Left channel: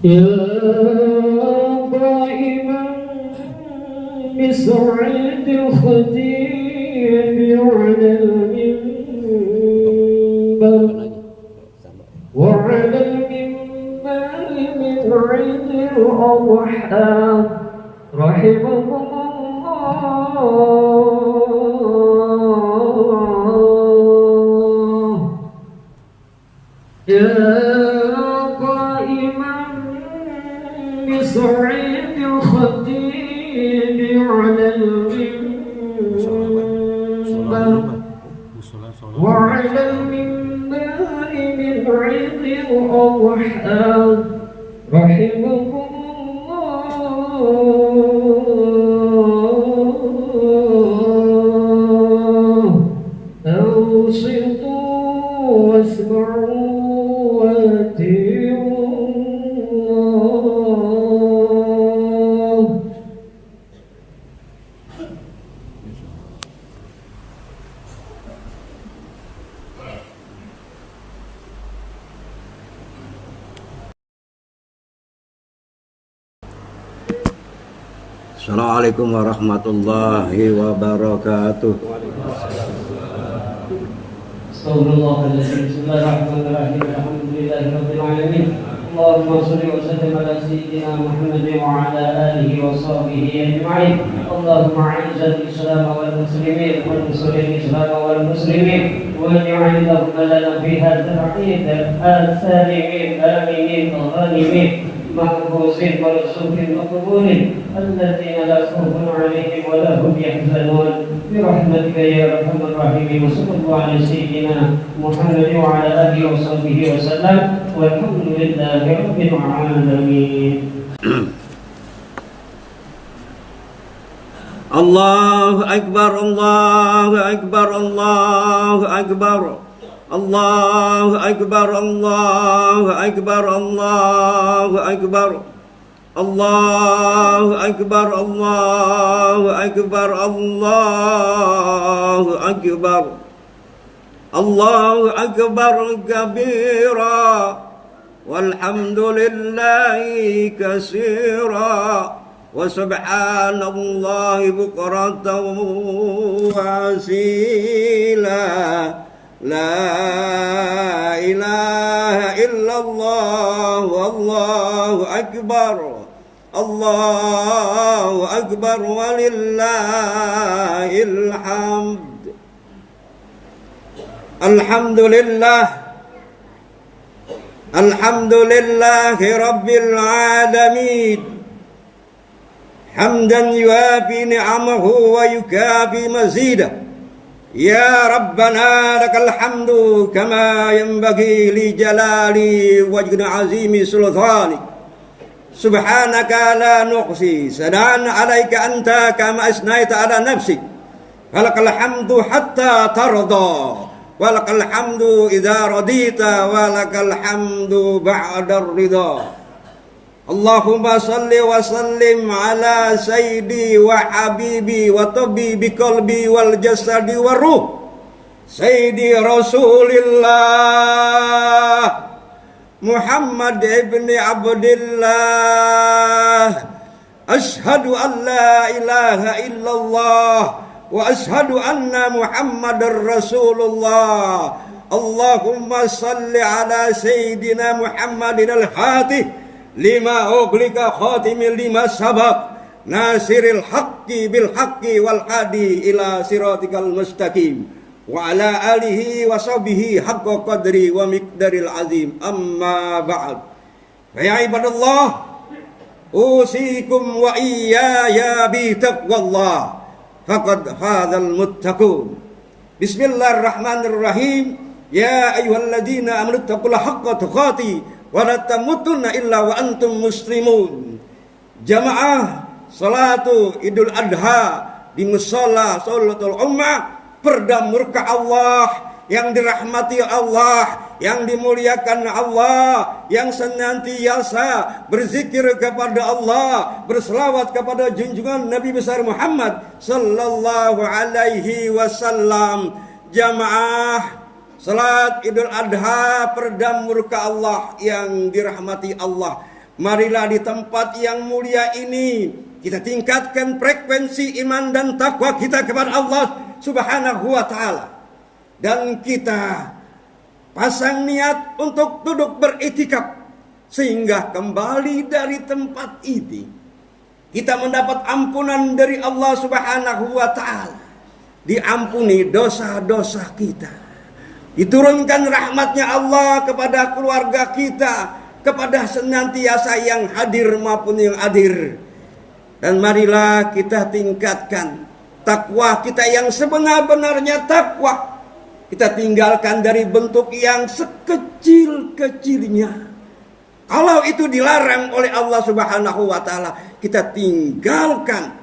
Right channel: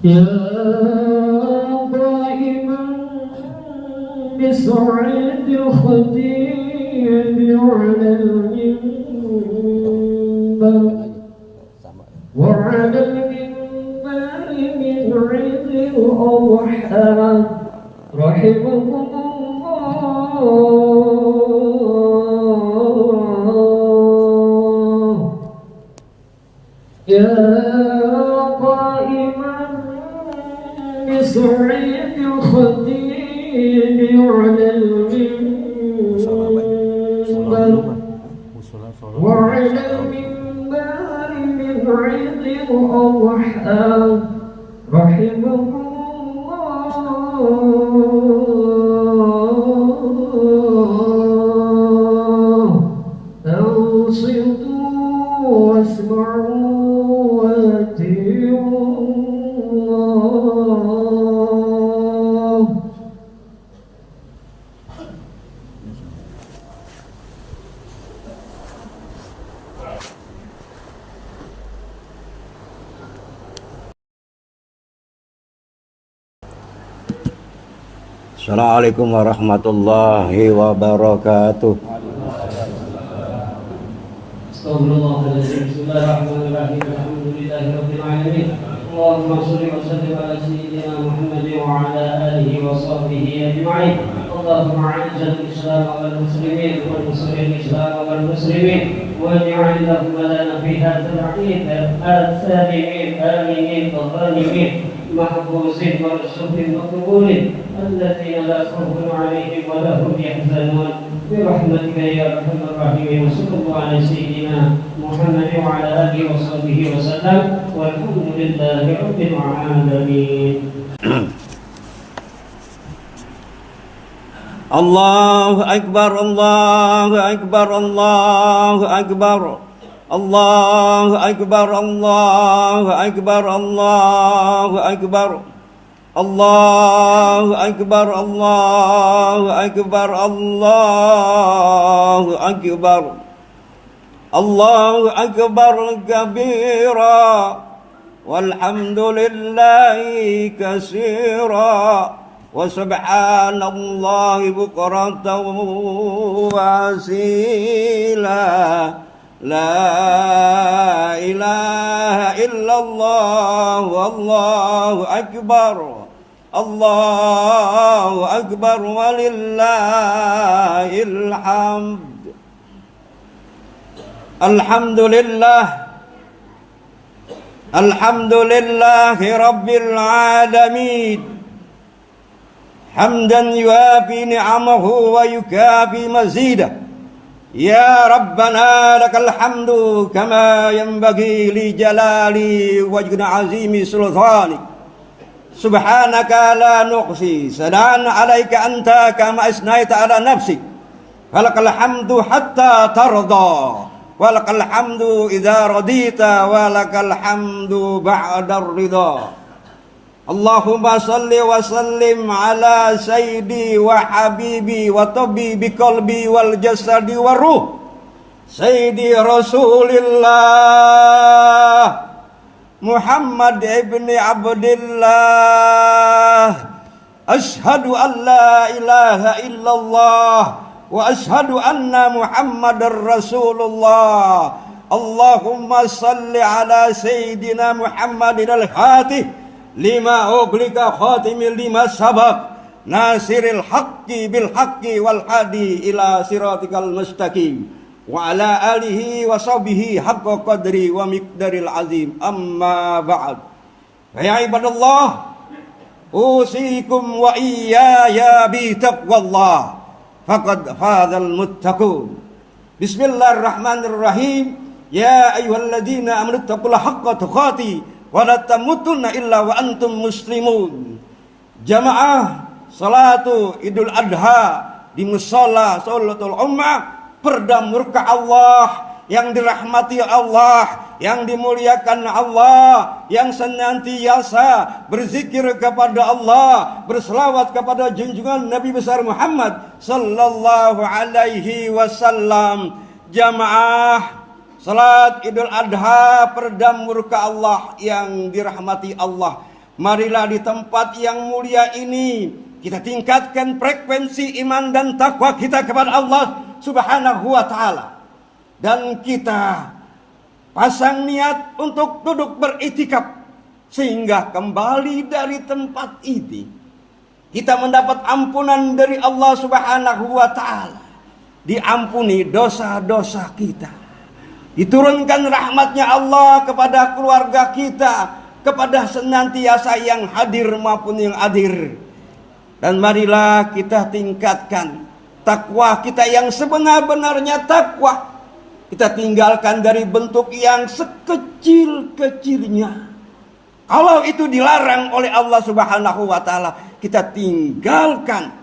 يا قائما بسعيد الخديم على المنبر وعلى المنبر من عيد الأضحى رحمكم الله. يا قائما بسعيد الخديم على المنبر وعلى المنبر من عيد الأضحى رحمكم الله. أنصتوا واسمعوا وأطيعوا الله. Assalamualaikum warahmatullahi wabarakatuh. Astagfirullahaladzim. Bismillahirrahmanirrahim. Alhamdulillahi rabbil alamin. Allahumma shalli wa sallim ala sayyidina Muhammad wa ala alihi wa sahbihi ajma'in. Allahumma a'izzal Islam wal muslimin wal muslimin Islam wal muslimin wa ja'al lahum lana fi hadzal 'id al-salimin aminin al-ghanimin محفوظين مرزوقين مقبولين الذين لا خوف عليهم ولا هم يحزنون برحمتك يا ارحم الراحمين. وصلى الله على سيدنا محمد وعلى اله وصحبه وسلم والحمد لله رب العالمين. Allahu Akbar, Allahu Akbar, Allahu Akbar. Allahu Akbar, Allahu Akbar, Allahu Akbar. Allahu Akbar, Allahu Akbar, Allahu Akbar. Allahu Akbar kabira walhamdulillahi katsira wa subhanallahi bukratan wa asila. La ilaha illallah wallahu akbar. Allahu akbar walillahil hamd. Alhamdulillah. Alhamdulillahi rabbil alamin. Hamdan yuafi ni'amahu wa yukafi mazidah. Ya Rabbana lakal hamdu kama yanbaghi li jalali wajhina azimi sultani. Subhanaka la nuqsi sanan alaika anta kama asnaita ala nafsi. Walakal hamdu hatta tarda. Walakal hamdu idza radita. Walakal hamdu ba'da ridha. Allahumma salli wa sallim ala sayyidi wa habibi wa tabibi qalbi wal jasadi wa ruh sayyidi Rasulillah Muhammad ibni Abdillah. Ashhadu an la ilaha illallah wa ashhadu anna Muhammadar Rasulullah. Allahumma salli ala sayyidina Muhammadin al-Fatih lima uglika khatimil lima sabab nasiril haqqi bil haqqi wal hadi ila siratikal mustaqim wa ala alihi wa sahbihi haqqa qadri wa miqdaril azim. Amma ba'd. Ya ibadallah, usikum wa iyaya bi taqwallah faqad fazal muttaqun. Bismillahirrahmanirrahim. Ya ayyuhalladzina amanu taqullaha haqqa tuqatih wa la tamutunna illa wa antum muslimun. Jamaah salatu Idul Adha di musalla Salatul Ummah, perda murka Allah, yang dirahmati Allah, yang dimuliakan Allah, yang senantiasa berzikir kepada Allah, berselawat kepada junjungan Nabi besar Muhammad sallallahu alaihi wasallam. Jamaah salat Idul Adha, peredam murka Allah, yang dirahmati Allah, Marilah di tempat yang mulia ini kita tingkatkan frekuensi iman dan takwa kita kepada Allah Subhanahu wa taala. Dan kita pasang niat untuk duduk beriktikaf sehingga kembali dari tempat ini kita mendapat ampunan dari Allah Subhanahu wa taala. Diampuni dosa-dosa kita. Diturunkan rahmatnya Allah kepada keluarga kita, kepada senantiasa yang hadir maupun yang hadir. Dan marilah kita tingkatkan takwa kita yang sebenar-benarnya takwa. Kita tinggalkan dari bentuk yang sekecil-kecilnya. Kalau itu dilarang oleh Allah Subhanahu wa taala, kita tinggalkan.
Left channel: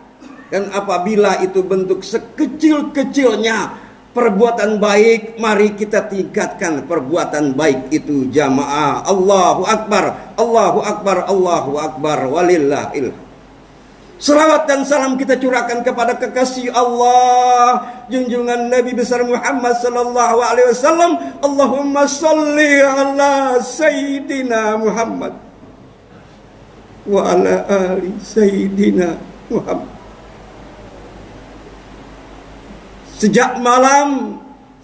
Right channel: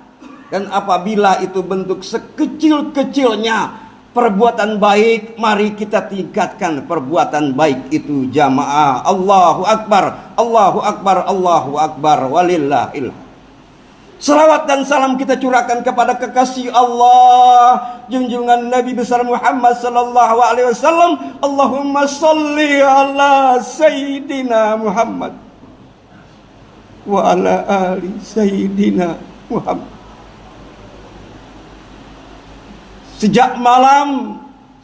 Dan apabila itu bentuk sekecil-kecilnya perbuatan baik, mari kita tingkatkan perbuatan baik itu jamaah. Allahu Akbar, Allahu Akbar, Allahu Akbar, walillahil. Salawat dan salam kita curahkan kepada kekasih Allah, junjungan Nabi besar Muhammad sallallahu alaihi wasallam. Allahumma salli ala Sayyidina Muhammad wa ala ali Sayyidina Muhammad. Sejak malam,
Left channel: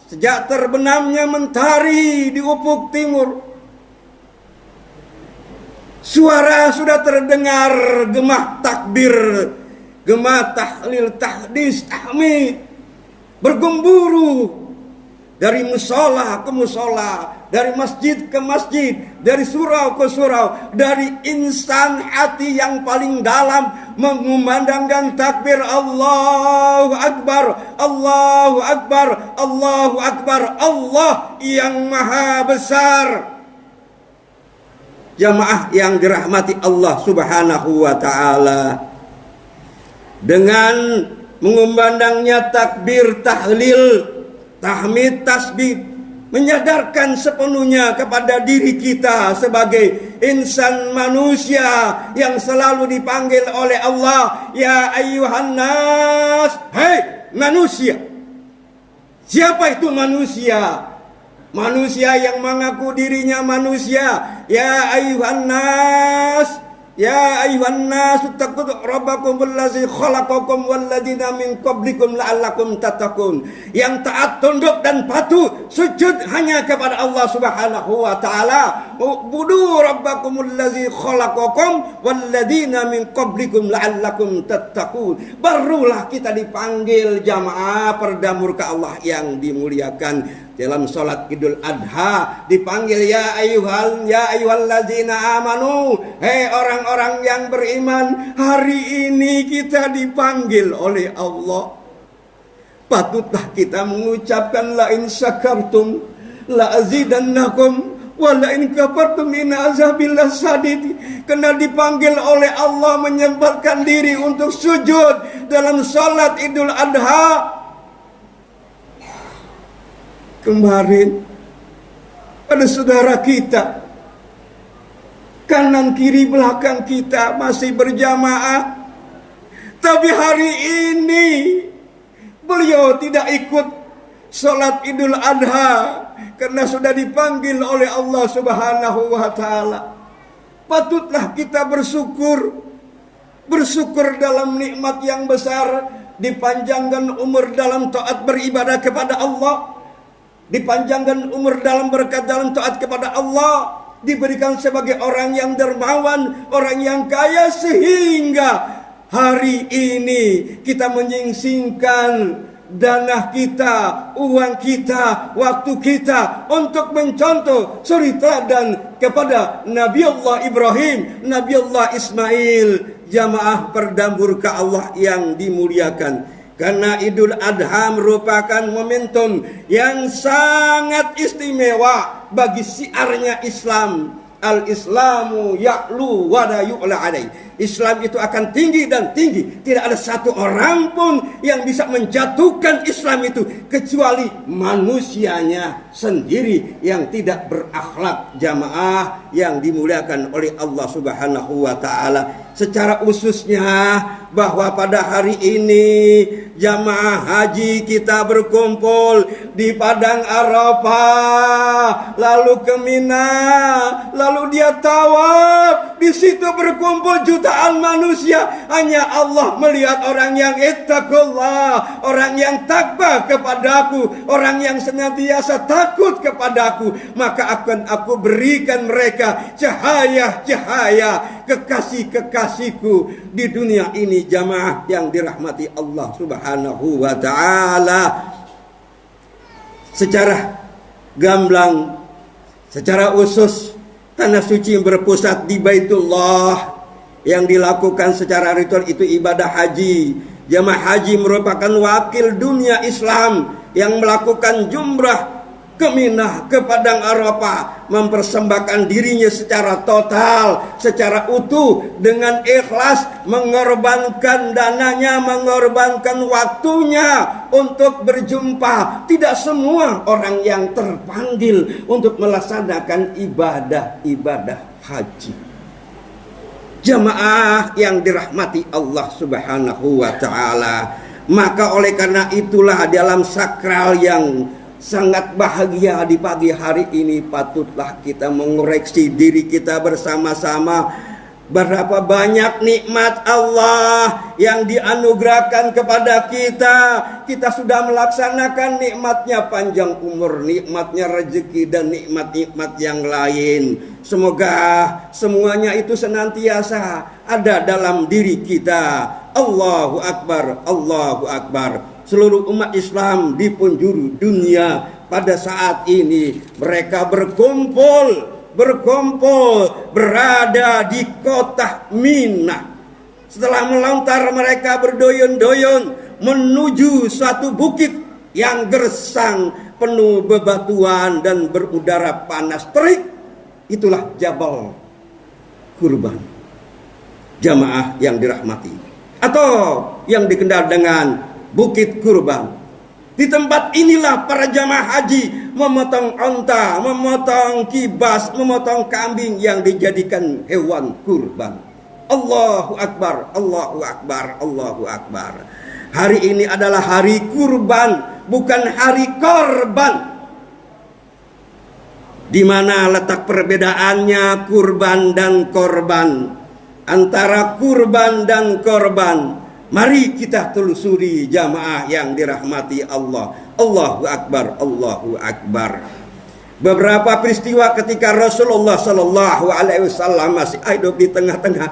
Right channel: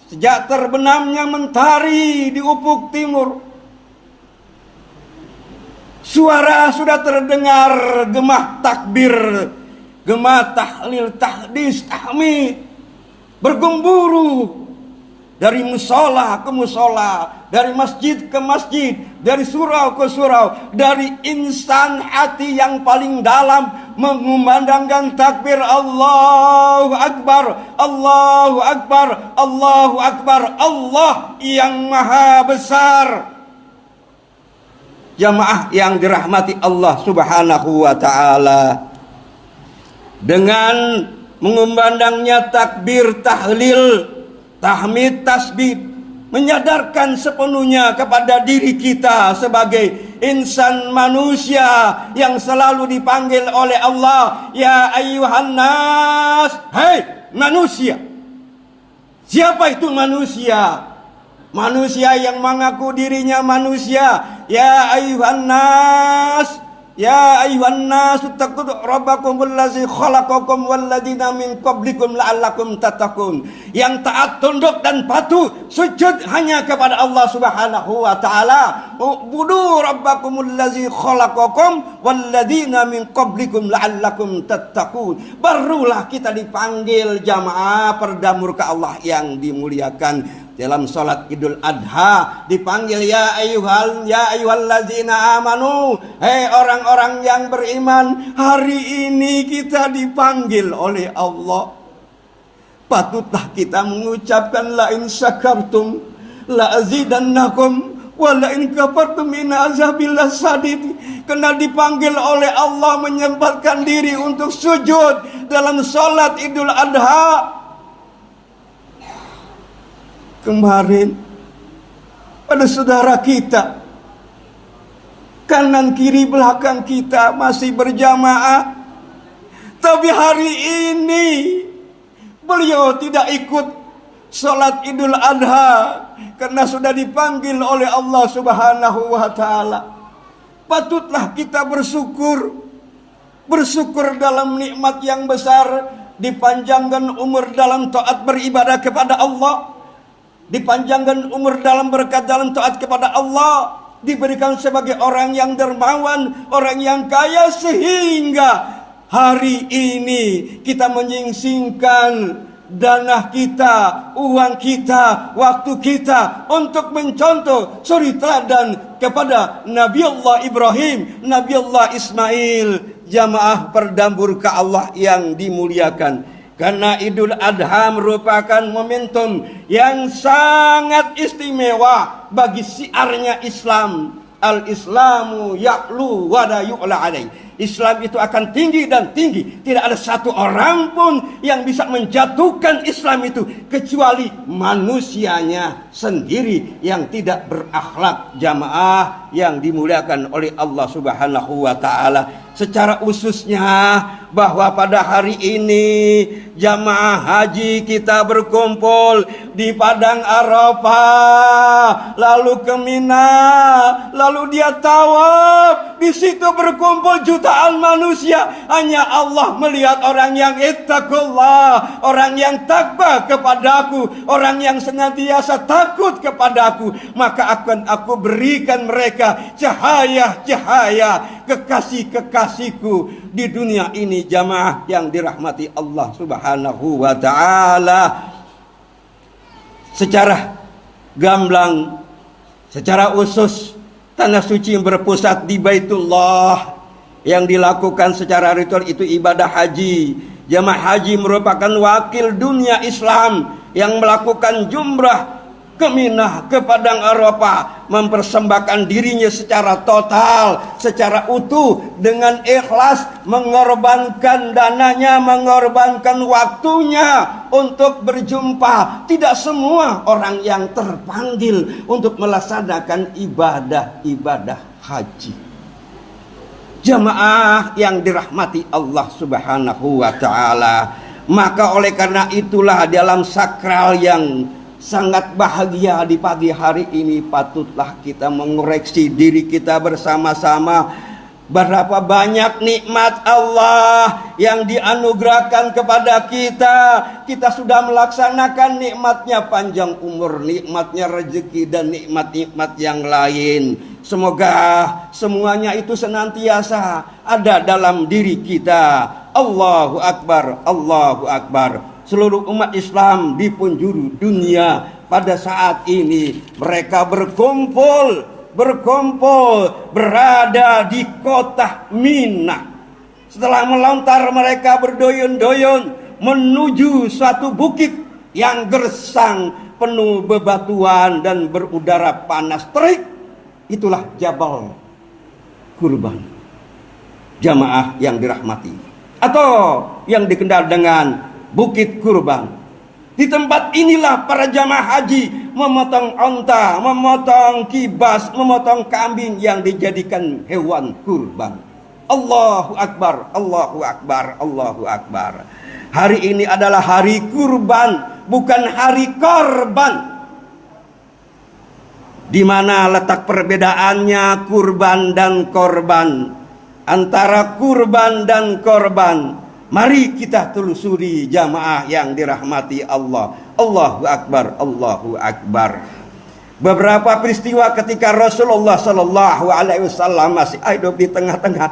sejak terbenamnya mentari di ufuk timur, suara sudah terdengar gemah takbir, gemah tahlil, tahdis, tahmid, bergemburu dari musola ke musola, dari masjid ke masjid, dari surau ke surau, dari insan hati yang paling dalam mengumandangkan takbir Allahu Akbar, Allahu Akbar, Allahu Akbar, Allah yang maha besar. Jamaah yang dirahmati Allah Subhanahu wa taala, dengan mengumandangnya takbir, tahlil, tahmid, tasbih, menyadarkan sepenuhnya kepada diri kita sebagai insan manusia yang selalu dipanggil oleh Allah, ya ayyuhan nas, hai manusia. Siapa itu manusia? Manusia yang mengaku dirinya manusia. Ya ayyuhan nas, ya ayyuhan nas, taqu rabbakumul ladzi khalaqakum wal ladzina min qablikum la'allakum tattaqun. Yang taat, tunduk dan patuh sujud hanya kepada Allah Subhanahu wa taala. Ubudu rabbakumul ladzi khalaqakum wal ladzina min qablikum la'allakum tattaqun. Barulah kita dipanggil jamaah perdamurka Allah yang dimuliakan. Dalam salat Idul Adha dipanggil ya ayyuhallazina amanu, hei orang-orang yang beriman. Hari ini kita dipanggil oleh Allah. Patutlah kita mengucapkan la in syakartum la azidannakum wa la in kafartum inna azabil lasadid. Karena dipanggil oleh Allah menyempatkan diri untuk sujud dalam salat Idul Adha. Kemarin ada saudara kita, kanan kiri belakang kita masih berjamaah, tapi hari ini beliau tidak ikut sholat Idul Adha karena sudah dipanggil oleh Allah Subhanahu wa taala. Patutlah kita bersyukur dalam nikmat yang besar, dipanjangkan umur dalam taat beribadah kepada Allah, dipanjangkan umur dalam berkat dalam taat kepada Allah, diberikan sebagai orang yang dermawan, orang yang kaya, sehingga hari ini kita menyingsingkan dana kita, uang kita, waktu kita untuk mencontoh suri teladan kepada Nabi Allah Ibrahim, Nabi Allah Ismail. Jamaah perdamurka Allah yang dimuliakan, karena Idul Adha merupakan momentum yang sangat istimewa bagi syiarnya Islam. Al-Islamu ya'lu wa la yu'la alaih. Islam itu akan tinggi dan tinggi. Tidak ada satu orang pun yang bisa menjatuhkan Islam itu kecuali manusianya sendiri yang tidak berakhlak. Jamaah yang dimuliakan oleh Allah Subhanahu wa taala. Secara khususnya bahwa pada hari ini jamaah haji kita berkumpul di Padang Arafah, lalu ke Mina, lalu dia tawaf Di situ berkumpul jutaan manusia. Hanya Allah melihat orang yang ittaqullah, orang yang takwa kepadaku, orang yang senantiasa takut kepadaku. Maka akan aku berikan mereka cahaya-cahaya kekasih-kekasihku di dunia ini. Jamaah yang dirahmati Allah Subhanahu wa ta'ala. Secara gamblang, secara usus, tanah suci yang berpusat di Baitullah yang dilakukan secara ritual itu ibadah haji. Jamaah haji merupakan wakil dunia Islam yang melakukan jumrah ke Minah, ke Padang Arafah, mempersembahkan dirinya secara total, secara utuh, dengan ikhlas, mengorbankan dananya, mengorbankan waktunya untuk berjumpa. Tidak semua orang yang terpanggil untuk melaksanakan ibadah haji. Jamaah yang dirahmati Allah Subhanahu wa ta'ala. Maka oleh karena itulah dalam sakral yang sangat bahagia di pagi hari ini, patutlah kita mengoreksi diri kita bersama-sama. Berapa banyak nikmat Allah yang dianugerahkan kepada kita. Kita sudah melaksanakan nikmatnya panjang umur, nikmatnya rezeki, dan nikmat-nikmat yang lain. Semoga semuanya itu senantiasa ada dalam diri kita. Allahu Akbar, Allahu Akbar. Seluruh umat Islam di penjuru dunia pada saat ini mereka berkumpul berada di kota Minah. Setelah melontar mereka berdoyon-doyon menuju suatu bukit yang gersang, penuh bebatuan dan berudara panas terik. Itulah Jabal Kurban. Jamaah yang dirahmati, atau yang dikenal dengan Bukit Kurban. Di tempat inilah para jamaah haji memotong onta, memotong kibas, memotong kambing yang dijadikan hewan kurban. Allahu Akbar, Allahu Akbar, Allahu Akbar. Hari ini adalah hari kurban, bukan hari korban. Di mana letak perbedaannya kurban dan korban? Antara kurban dan korban, mari kita telusuri jamaah yang dirahmati Allah. Allahu Akbar, Allahu Akbar. Beberapa peristiwa ketika Rasulullah Sallallahu Alaihi Wasallam masih hidup di tengah-tengah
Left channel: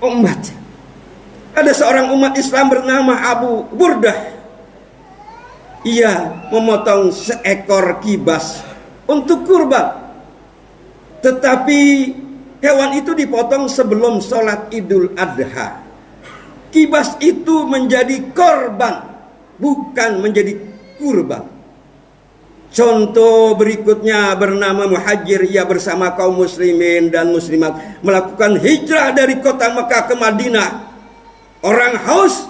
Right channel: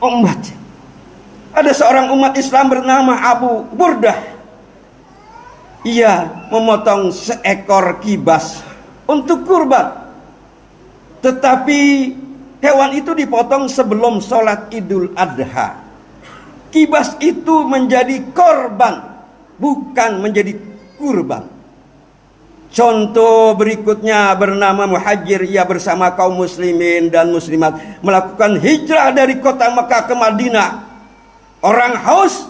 umat. Ada seorang umat Islam bernama Abu Burdah. Ia memotong seekor kibas untuk kurban. Tetapi hewan itu dipotong sebelum sholat Idul Adha. Kibas itu menjadi korban, bukan menjadi kurban. Contoh berikutnya bernama Muhajir. Ia bersama kaum muslimin dan muslimat melakukan hijrah dari kota Mekah ke Madinah. Orang haus,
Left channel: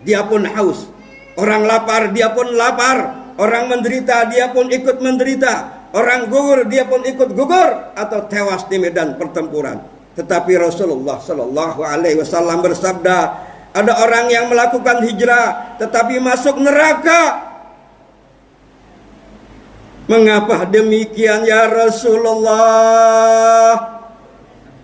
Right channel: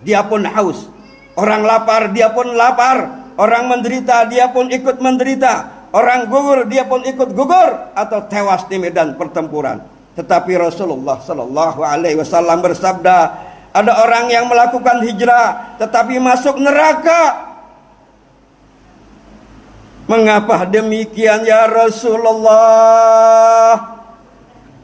dia pun haus. Orang lapar, dia pun lapar. Orang menderita, dia pun ikut menderita. Orang gugur, dia pun ikut gugur atau tewas di medan pertempuran. Tetapi Rasulullah Sallallahu Alaihi Wasallam bersabda, ada orang yang melakukan hijrah tetapi masuk neraka. Mengapa demikian ya Rasulullah?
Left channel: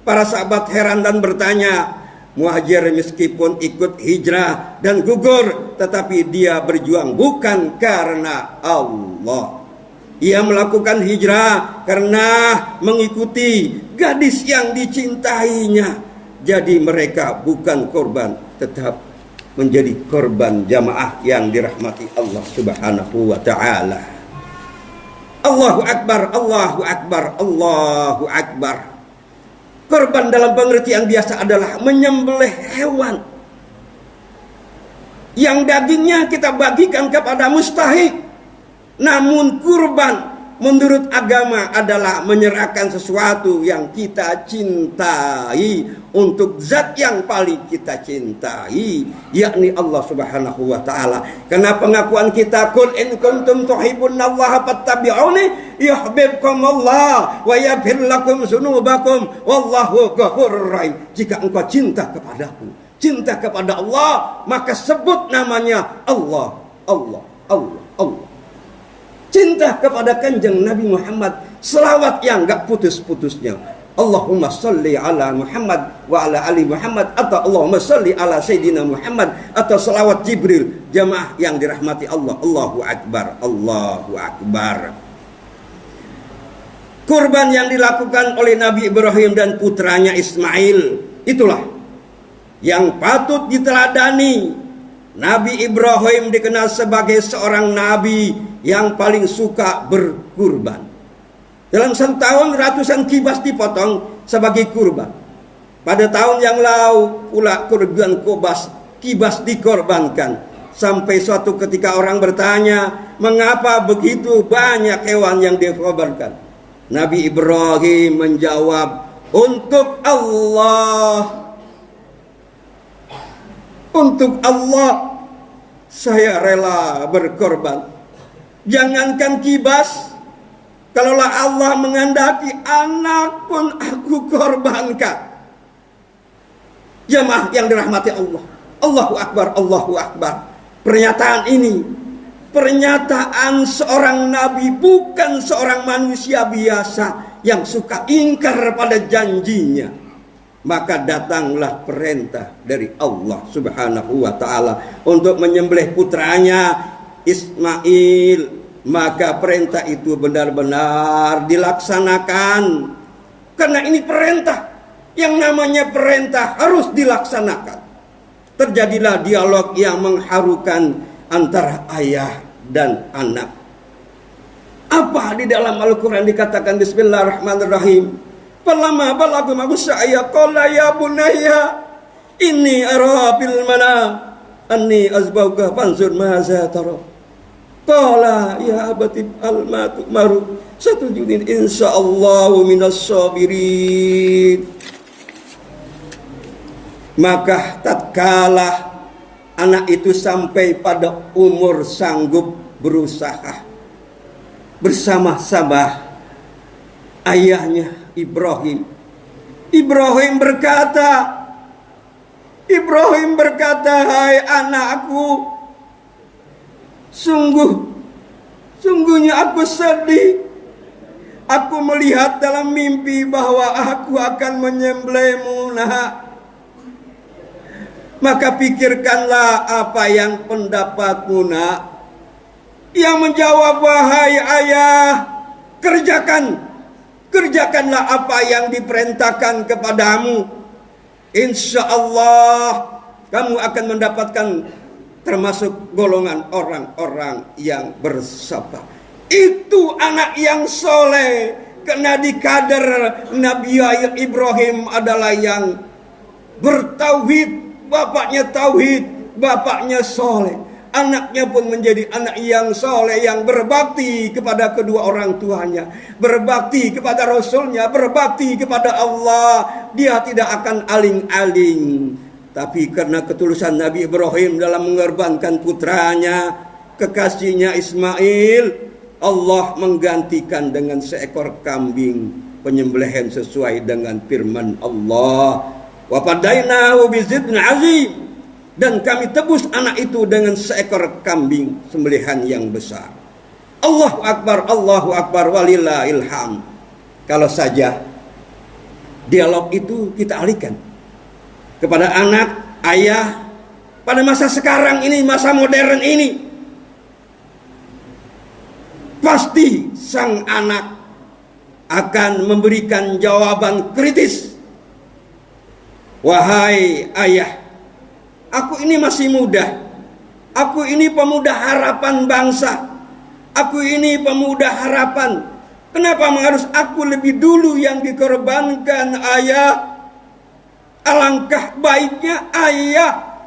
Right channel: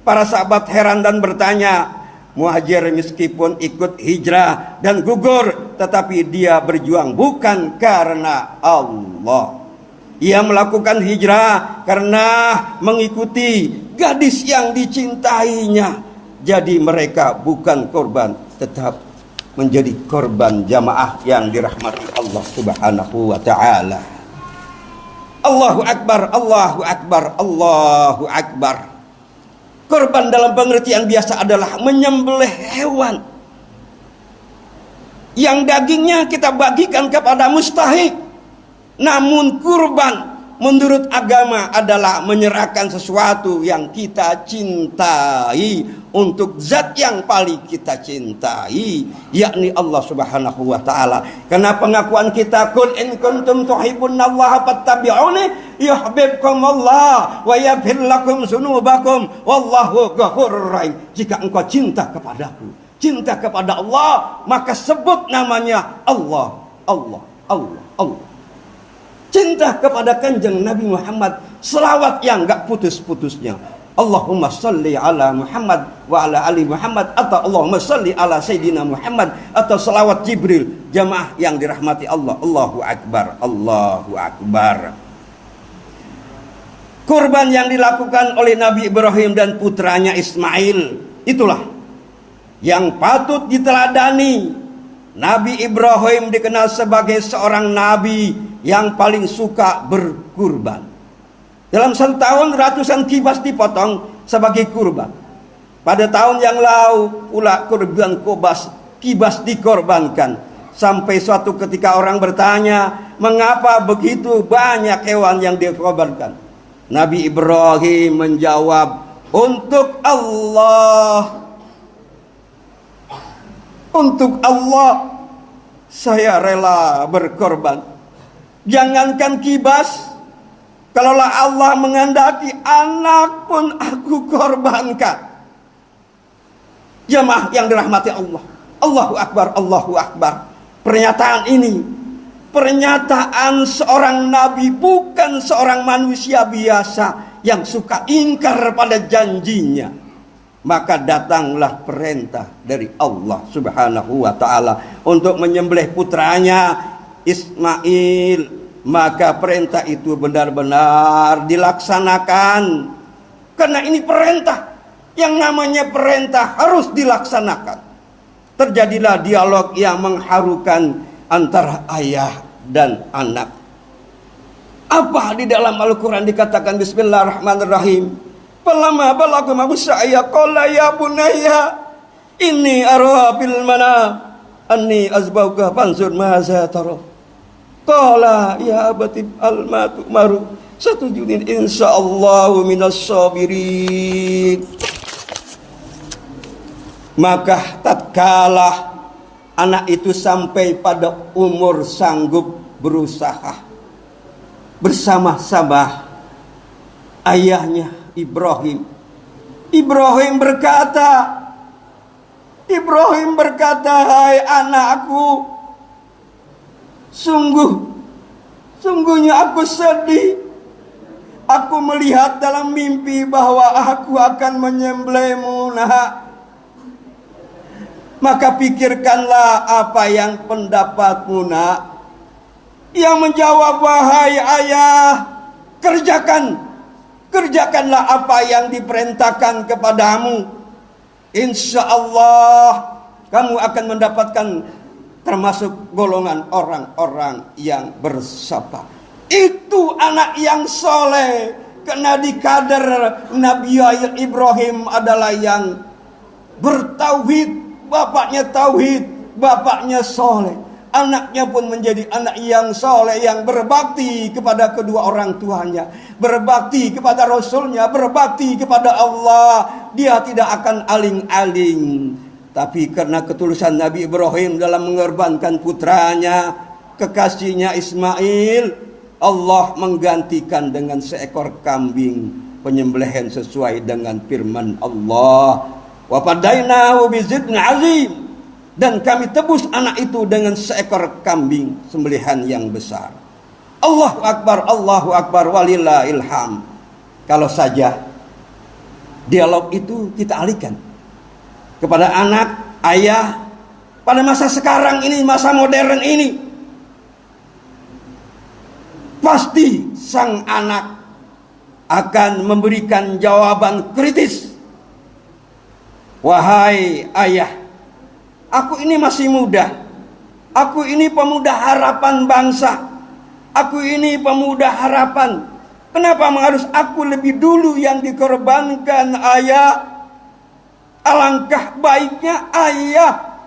Para sahabat heran dan bertanya. Muhajir meskipun ikut hijrah dan gugur, tetapi dia berjuang bukan karena Allah. Ia melakukan hijrah karena mengikuti gadis yang dicintainya. Jadi mereka bukan korban, tetap menjadi korban jamaah yang dirahmati Allah Subhanahu wa ta'ala. Allahu Akbar, Allahu Akbar, Allahu Akbar. Korban dalam pengertian biasa adalah menyembelih hewan yang dagingnya kita bagikan kepada mustahik. Namun kurban menurut agama adalah menyerahkan sesuatu yang kita cintai untuk zat yang paling kita cintai, yakni Allah Subhanahu wa ta'ala. Karena pengakuan kita, qul in kuntum tuhibbunallaha fattabi'uni yuhibbukumullah wa yaghfir lakum dzunubakum wallahu ghafurur rahim. Jika engkau cinta kepadaku, cinta kepada Allah, maka sebut namanya Allah, Allah, Allah, Allah. Cinta kepada kanjeng Nabi Muhammad, selawat yang gak putus-putusnya. Allahumma salli ala Muhammad wa ala ali Muhammad, atau Allahumma salli ala Sayyidina Muhammad, atau salawat Jibril. Jamaah yang dirahmati Allah, Allahu Akbar, Allahu Akbar. Kurban yang dilakukan oleh Nabi Ibrahim dan putranya Ismail, itulah yang patut diteladani. Nabi Ibrahim dikenal sebagai seorang nabi yang paling suka berkurban. Dalam setahun ratusan kibas dipotong sebagai kurban. Pada tahun yang lalu pula kurban kibas dikorbankan. Sampai suatu ketika orang bertanya, mengapa begitu banyak hewan yang dikorbankan? Nabi Ibrahim menjawab, untuk Allah. Untuk Allah saya rela berkorban. Jangankan kibas, kalaulah Allah menghendaki, anak pun aku korbankan. Jamaah yang dirahmati Allah, Allahu Akbar, Allahu Akbar. Pernyataan ini, pernyataan seorang nabi, bukan seorang manusia biasa yang suka ingkar pada janjinya. Maka datanglah perintah dari Allah Subhanahu wa ta'ala untuk menyembelih putranya Ismail. Maka perintah itu benar-benar dilaksanakan. Karena ini perintah. Yang namanya perintah harus dilaksanakan. Terjadilah dialog yang mengharukan antara ayah dan anak. Apa di dalam Al-Quran dikatakan? Bismillahirrahmanirrahim. Falamma balagha ma'saya qala ya bunayya inni ara bil manam anni azbauka fanzur maza tara. Qala ya abati al-ma tu'maru satujudin insyaallahu minas sabirin. Maka tatkala anak itu sampai pada umur sanggup berusaha bersama-sama ayahnya Ibrahim berkata, hai anakku, sungguhnya aku sedih. Aku melihat dalam mimpi bahwa aku akan menyembelihmu, nak. Maka pikirkanlah apa yang pendapatmu, nak. Ia menjawab, wahai ayah, kerjakanlah apa yang diperintahkan kepadamu. Insya Allah kamu akan mendapatkan termasuk golongan orang-orang yang bersabar. Itu anak yang soleh. Karena di kader Nabi Ibrahim adalah yang bertauhid. Bapaknya tauhid, bapaknya soleh. Anaknya pun menjadi anak yang soleh, yang berbakti kepada kedua orang tuanya, berbakti kepada Rasulnya, berbakti kepada Allah. Dia tidak akan aling-aling. Tapi karena ketulusan Nabi Ibrahim dalam mengorbankan putranya, kekasihnya Ismail, Allah menggantikan dengan seekor kambing, penyembelihan sesuai dengan firman Allah. Wa fadainahu bizibhin azim. Dan kami tebus anak itu dengan seekor kambing sembelihan yang besar. Allahu Akbar, walillahil hamd. Kalau saja dialog itu kita alihkan kepada anak, ayah, pada masa sekarang ini, masa modern ini, pasti sang anak akan memberikan jawaban kritis. Wahai ayah, aku ini masih muda. Aku ini pemuda harapan bangsa. Aku ini pemuda harapan. Kenapa harus aku lebih dulu yang dikorbankan, ayah? Alangkah baiknya ayah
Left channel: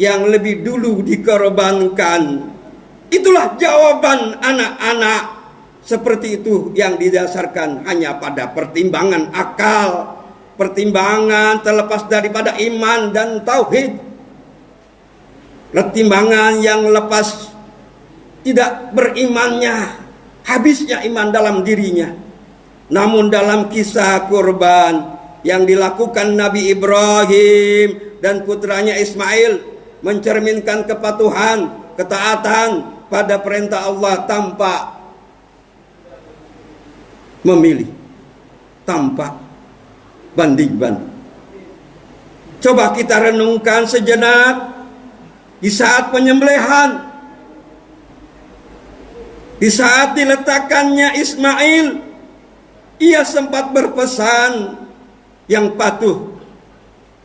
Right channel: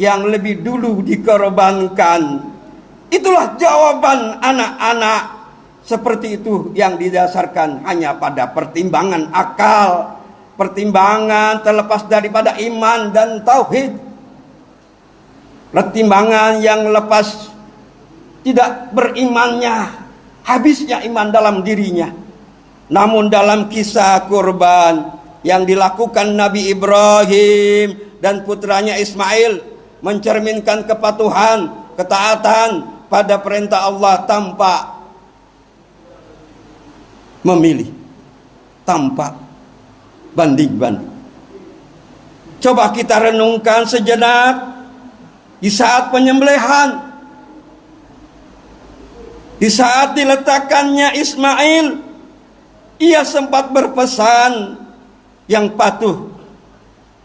yang lebih dulu dikorbankan. Itulah jawaban anak-anak. Seperti itu yang didasarkan hanya pada pertimbangan akal, pertimbangan terlepas daripada iman dan tauhid. Pertimbangan yang lepas tidak berimannya, habisnya iman dalam dirinya. Namun dalam kisah kurban yang dilakukan Nabi Ibrahim dan putranya Ismail mencerminkan kepatuhan, ketaatan pada perintah Allah tanpa memilih, tanpa banding-banding. Coba kita renungkan sejenak di saat penyembelihan, di saat diletakkannya Ismail, ia sempat berpesan yang patuh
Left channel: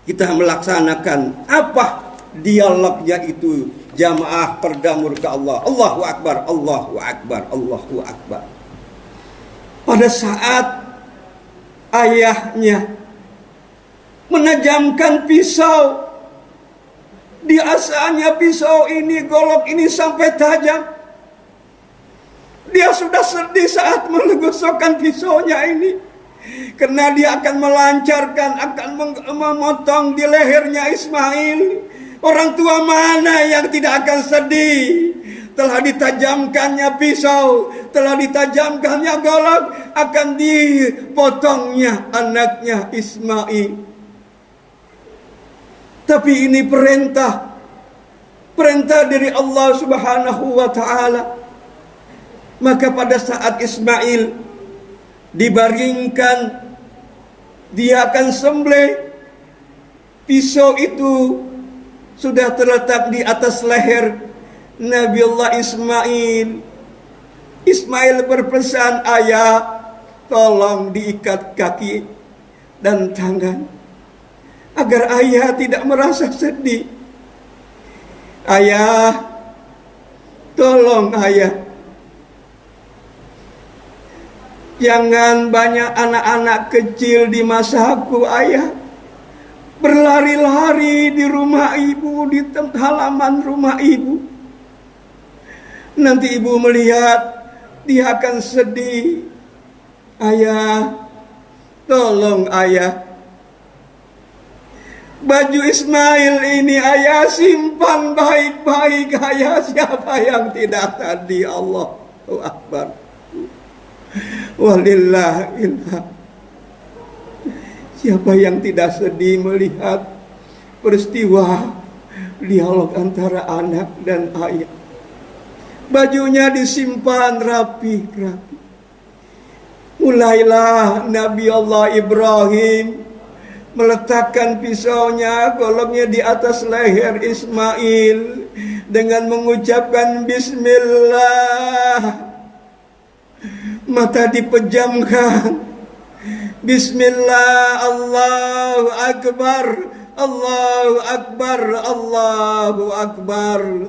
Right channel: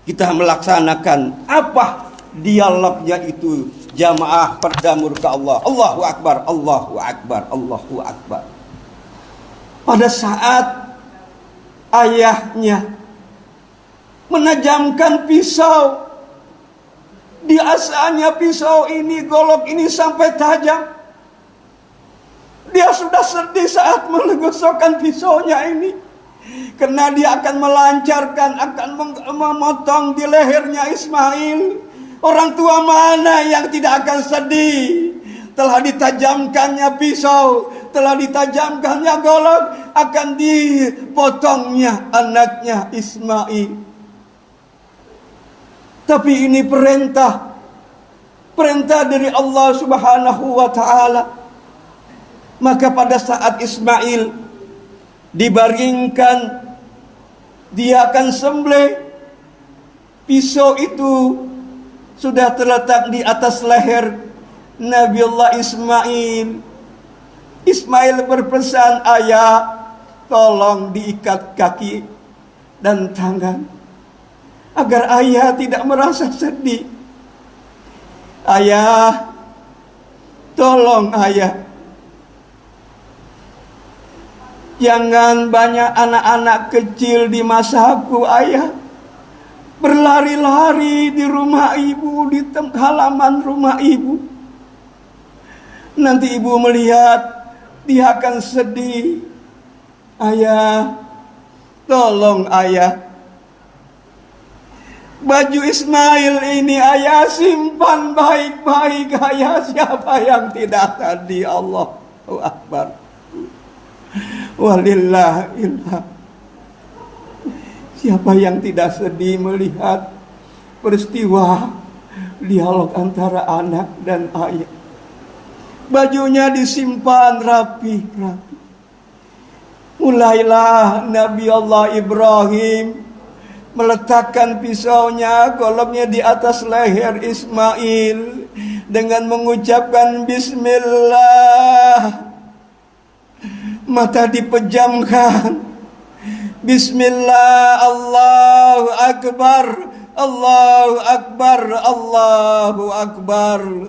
kita melaksanakan. Apa dialognya itu? Jamaah berdamur ke Allah. Allahu Akbar, Allahu Akbar, Allahu Akbar. Pada saat ayahnya menajamkan pisau, biasanya pisau ini, golok ini sampai tajam. Dia sudah sedih saat menggosokkan pisaunya ini, karena dia akan melancarkan, akan memotong di lehernya Ismail. Orang tua mana yang tidak akan sedih? Telah ditajamkannya pisau, telah ditajamkannya golok, akan dipotongnya anaknya Ismail. Tapi ini perintah dari Allah Subhanahu wa ta'ala. Maka pada saat Ismail dibaringkan, dia akan sembelih, pisau itu sudah terletak di atas leher Nabiullah Ismail. Ismail berpesan, ayah, tolong diikat kaki dan tangan, agar ayah tidak merasa sedih. Ayah, tolong ayah, jangan banyak anak-anak kecil di masaku ayah berlari-lari di rumah ibu, di halaman rumah ibu. Nanti ibu melihat, dia akan sedih. Ayah, tolong ayah, baju Ismail ini ayah simpan baik-baik. Ayah, siapa yang tidak tadi? Allahu Akbar, walillahilham. Siapa yang tidak sedih melihat peristiwa dialog antara anak dan ayah? Bajunya disimpan rapi-rapi. Mulailah Nabi Allah Ibrahim meletakkan pisaunya, goloknya di atas leher Ismail dengan mengucapkan Bismillah. Mata dipejamkan. Bismillah, Allahu Akbar, Allahu Akbar, Allahu Akbar.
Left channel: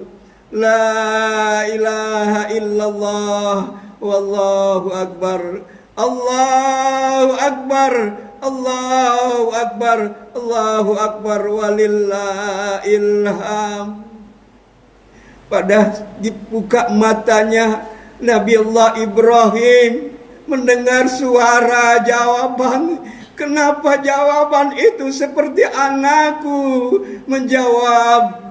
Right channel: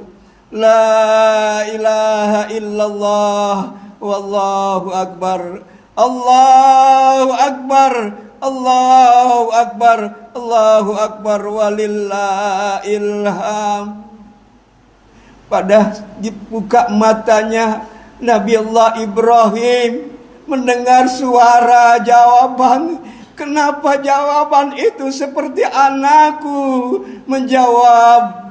La ilaha illallah, wallahu akbar. Allahu Akbar, Allahu Akbar, Allahu Akbar, walillahilham. Pada dibuka matanya, Nabi Allah Ibrahim mendengar suara jawaban. Kenapa jawaban itu seperti anakku menjawab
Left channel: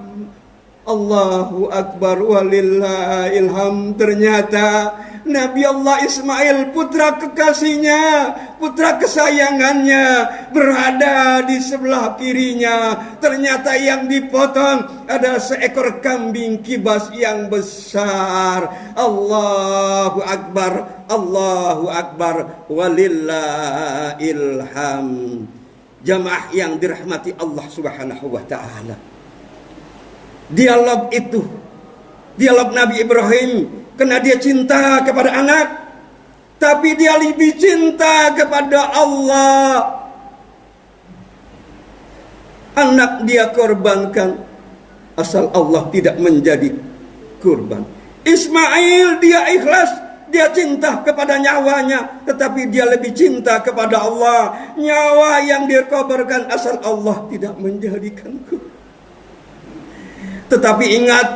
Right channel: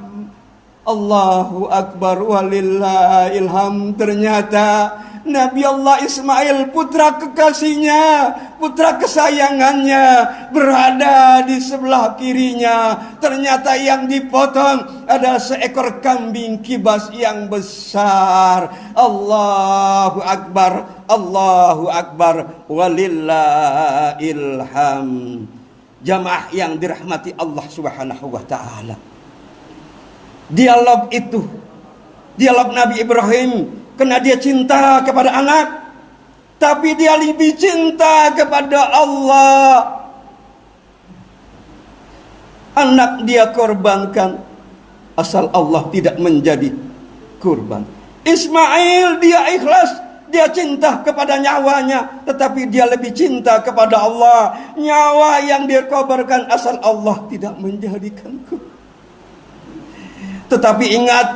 Allahu Akbar, walillahilham. Ternyata Nabi Allah Ismail, putra kekasihnya, putra kesayangannya, berada di sebelah kirinya. Ternyata yang dipotong adalah seekor kambing kibas yang besar. Allahu Akbar, Allahu Akbar, walillahilham. Jamaah yang dirahmati Allah Subhanahu wa ta'ala, dialog itu, dialog Nabi Ibrahim, karena dia cinta kepada anak, tapi dia lebih cinta kepada Allah. Anak dia korbankan, asal Allah tidak menjadi kurban. Ismail dia ikhlas, dia cinta kepada nyawanya, tetapi dia lebih cinta kepada Allah. Nyawa yang dikorbankan asal Allah tidak menjadikan kurban. Tetapi ingat,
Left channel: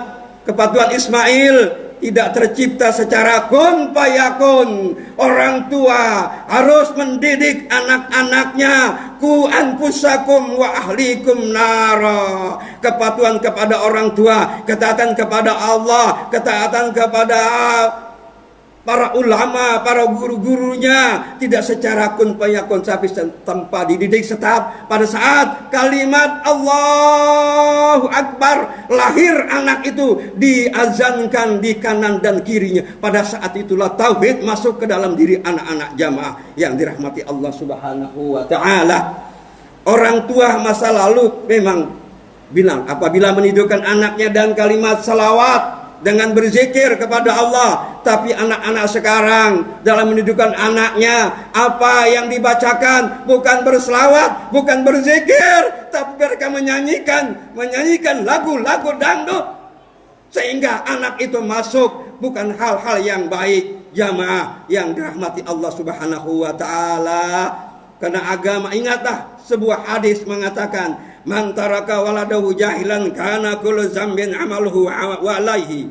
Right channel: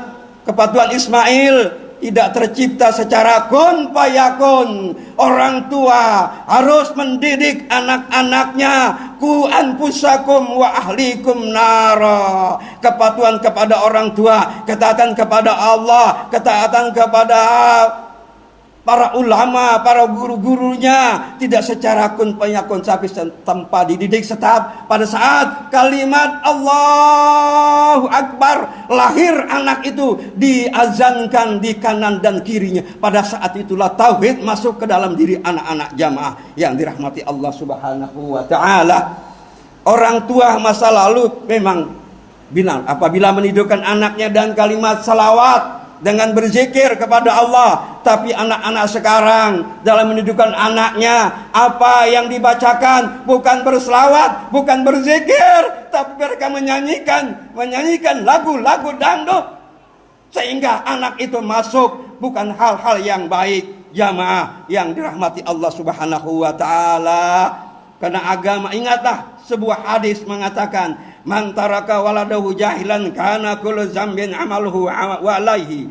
kepatuhan Ismail tidak tercipta secara kun fayakun. Orang tua harus mendidik anak-anaknya. Ku anfusakum wa ahlikum nara. Kepatuhan kepada orang tua, ketaatan kepada Allah, ketaatan kepada para ulama, para guru-gurunya tidak secara kun fayakun, tapi tanpa dididik setahap. Pada saat kalimat Allahu Akbar, lahir anak itu, diazankan di kanan dan kirinya. Pada saat itulah tauhid masuk ke dalam diri anak-anak jamaah yang dirahmati Allah Subhanahu wa taala. Orang tua masa lalu memang bilang apabila menidurkan anaknya dan kalimat salawat dengan berzikir kepada Allah. Tapi anak-anak sekarang dalam menidurkan anaknya, apa yang dibacakan bukan berselawat, bukan berzikir, tapi mereka menyanyikan lagu-lagu dangdut, sehingga anak itu masuk bukan hal-hal yang baik. Jamaah yang dirahmati Allah Subhanahu wa taala, karena agama, ingatlah sebuah hadis mengatakan, man taraka waladahu jahilan kana kullu zambin amaluhu wa alaihi.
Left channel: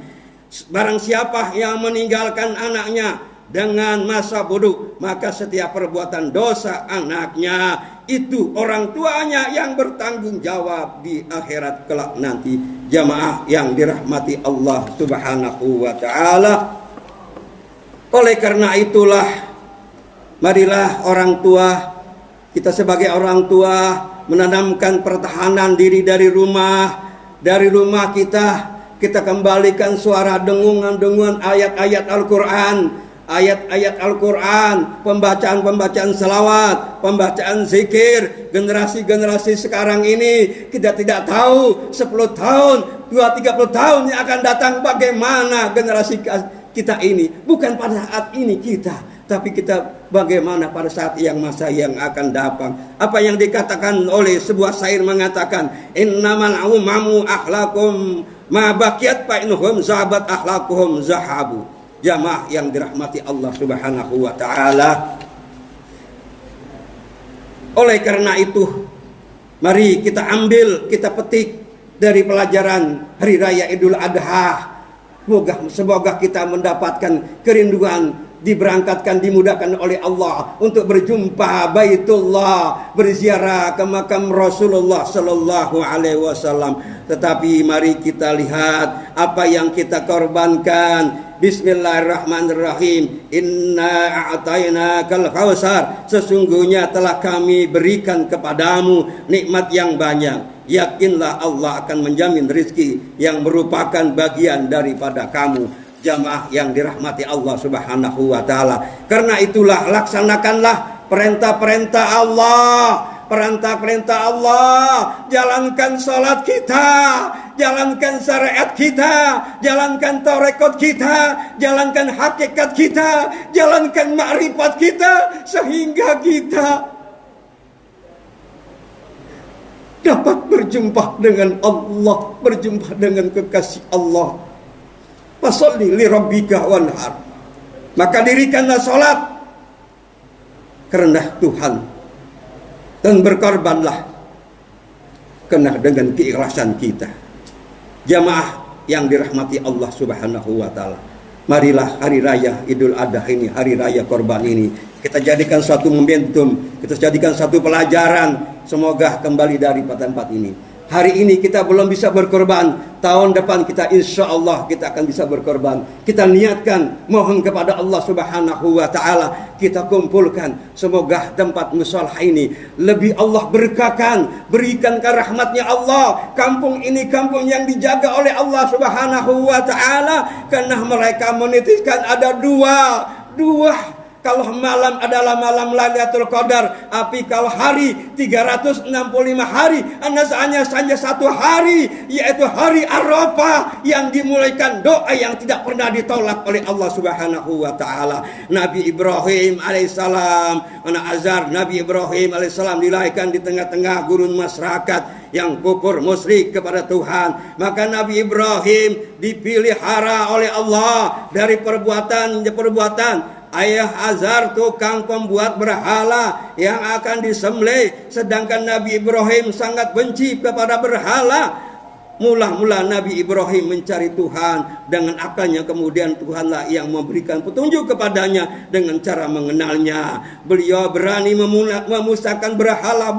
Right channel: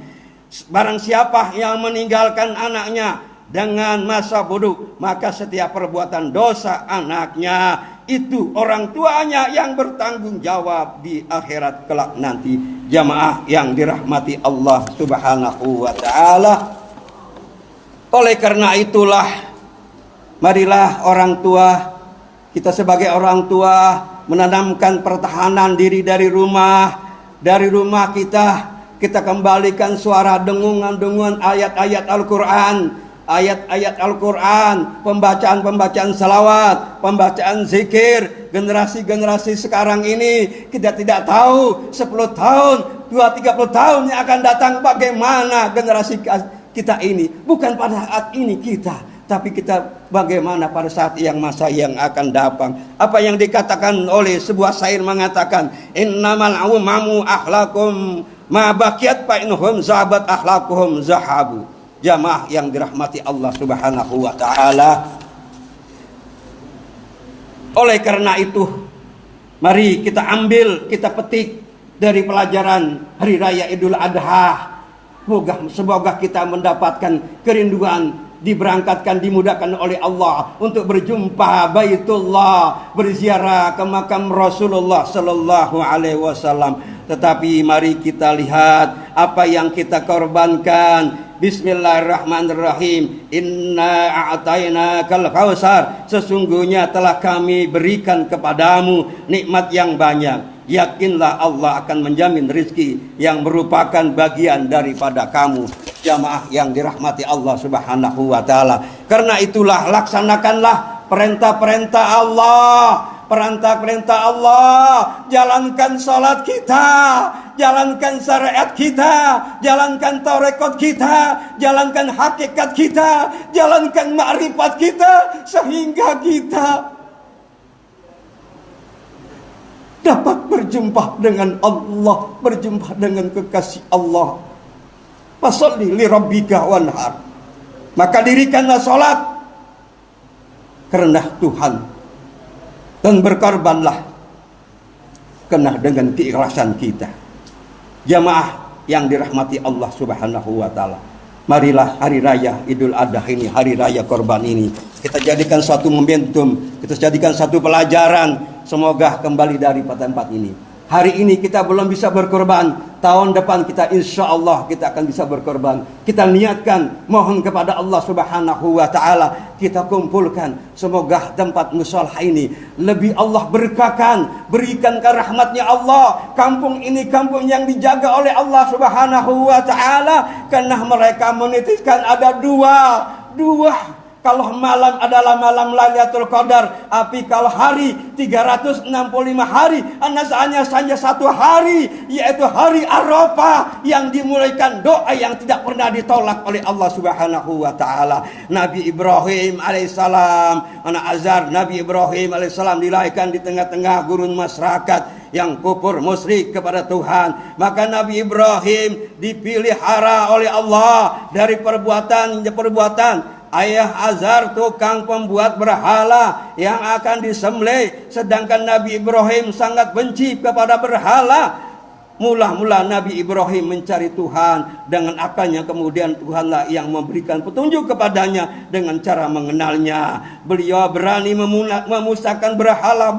Barang siapa yang meninggalkan anaknya dengan masa bodoh, maka setiap perbuatan dosa anaknya itu orang tuanya yang bertanggung jawab di akhirat kelak nanti. Jamaah yang dirahmati Allah Subhanahu wa taala. Oleh karena itulah, marilah orang tua, kita sebagai orang tua menanamkan pertahanan diri dari rumah. Dari rumah kita kembalikan suara dengungan-dengungan ayat-ayat Al-Quran, ayat-ayat Al-Quran, pembacaan-pembacaan salawat, pembacaan zikir. Generasi-generasi sekarang ini kita tidak tahu 10 tahun, 20-30 tahun yang akan datang bagaimana generasi kita ini. Bukan pada saat ini kita, tapi kita bagaimana pada saat masa yang akan datang. Apa yang dikatakan oleh sebuah syair mengatakan, innamal umamu akhlakum ma baqiyat fa inhum zahabat akhlaquhum zahabu. Jamaah yang dirahmati Allah Subhanahu wa taala. Oleh karena itu, mari kita ambil, kita petik dari pelajaran hari raya Idul Adha. Semoga kita mendapatkan kerinduan, diberangkatkan, dimudahkan oleh Allah untuk berjumpa Baitullah, berziarah ke makam Rasulullah sallallahu alaihi wasallam. Tetapi mari kita lihat apa yang kita korbankan. Bismillahirrahmanirrahim. Inna a'tainakal kautsar. Sesungguhnya telah kami berikan kepadamu nikmat yang banyak. Yakinlah Allah akan menjamin rezeki yang merupakan bagian daripada kamu. Jamaah yang dirahmati Allah Subhanahu wa taala. Karena itulah laksanakanlah perintah-perintah Allah, perintah-perintah Allah. Jalankan salat kita, jalankan syariat kita, jalankan tarekat kita, jalankan hakikat kita, jalankan makrifat kita, sehingga kita dapat berjumpa dengan Allah, berjumpa dengan kekasih Allah. Fasalli li rabbika wanhar. Maka dirikanlah salat karena Tuhan, dan berkorbanlah karena dengan keikhlasan kita. Jamaah yang dirahmati Allah Subhanahu wa taala, marilah hari raya Idul Adha ini, hari raya korban ini, kita jadikan satu momentum, kita jadikan satu pelajaran. Semoga kembali dari tempat ini. Hari ini kita belum bisa berkorban, tahun depan kita insya Allah kita akan bisa berkorban. Kita niatkan, mohon kepada Allah Subhanahu wa taala, kita kumpulkan. Semoga tempat mushola ini lebih Allah berkahkan, berikan ke rahmatnya Allah. Kampung ini kampung yang dijaga oleh Allah Subhanahu wa taala, karena mereka menitiskan ada dua. Kalau malam adalah malam Lailatul Qadar, tapi kalau hari 365 hari, hanya satu hari, yaitu hari Arafah, yang dimulaikan doa yang tidak pernah ditolak oleh Allah Subhanahu wa taala. Nabi Ibrahim alaihissalam, anak Azar Nabi Ibrahim alaihissalam dilahirkan di tengah-tengah gurun masyarakat yang kufur musyrik kepada Tuhan. Maka Nabi Ibrahim dipelihara oleh Allah dari perbuatan ayah Azar, tukang pembuat berhala yang akan disembelih. Sedangkan Nabi Ibrahim sangat benci kepada berhala. Mula-mula Nabi Ibrahim mencari Tuhan dengan akalnya, kemudian Tuhanlah yang memberikan petunjuk kepadanya dengan cara mengenalnya. Beliau berani memusnahkan berhala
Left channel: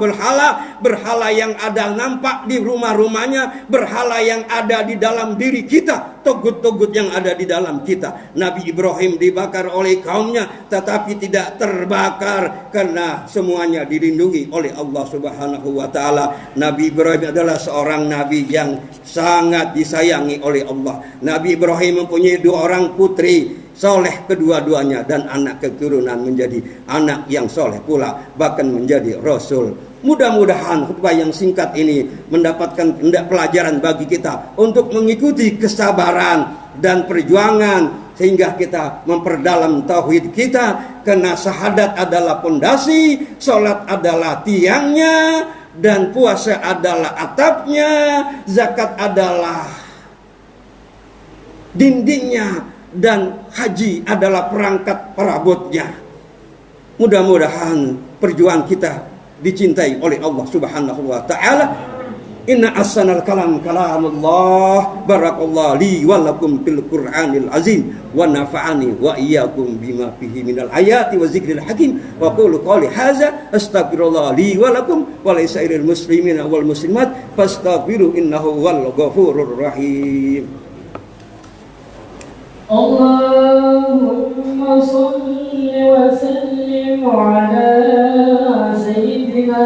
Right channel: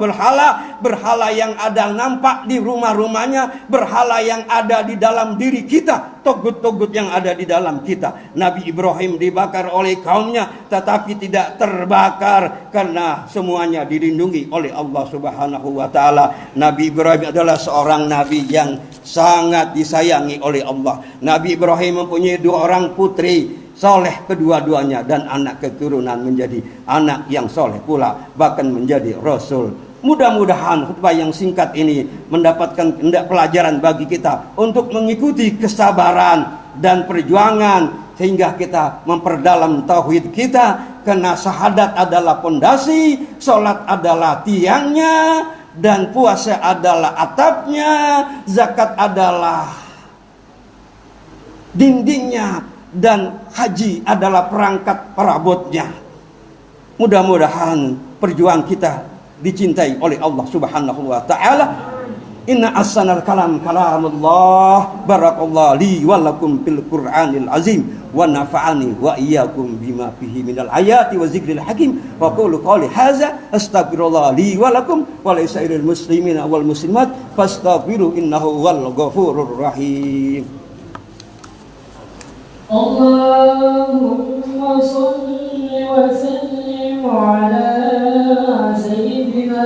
yang ada nampak di rumah-rumahnya, berhala yang ada di dalam diri kita. togut-togut yang ada di dalam kita. Nabi Ibrahim dibakar oleh kaumnya, tetapi tidak terbakar karena semuanya dilindungi oleh Allah Subhanahu wa taala. Nabi Ibrahim adalah seorang nabi yang sangat disayangi oleh Allah. Nabi Ibrahim mempunyai 2 orang putri soleh kedua-duanya, dan anak keturunan menjadi anak yang soleh pula, bahkan menjadi rasul. Mudah-mudahan khutbah yang singkat ini mendapatkan pelajaran bagi kita untuk mengikuti kesabaran dan perjuangan, sehingga kita memperdalam tauhid kita, karena syahadat adalah pondasi, sholat adalah tiangnya, dan puasa adalah atapnya, zakat adalah dindingnya, dan haji adalah perangkat perabotnya. Mudah-mudahan perjuangan kita dicintai oleh Allah Subhanahu wa taala. Inna ahsanal kalam kalamullah. Barakallahu li wa lakum fil Qur'anil azim wa nafa'ani wa iyyakum bima fihi minal ayati wa zikril hakim. Wa qulu qali hadza astaghfirullah li wa lakum wa li sairil muslimina wal muslimat fastaghfiru innahu wal ghafurur rahim. Allahumma shalli wa sallim ala sayyidina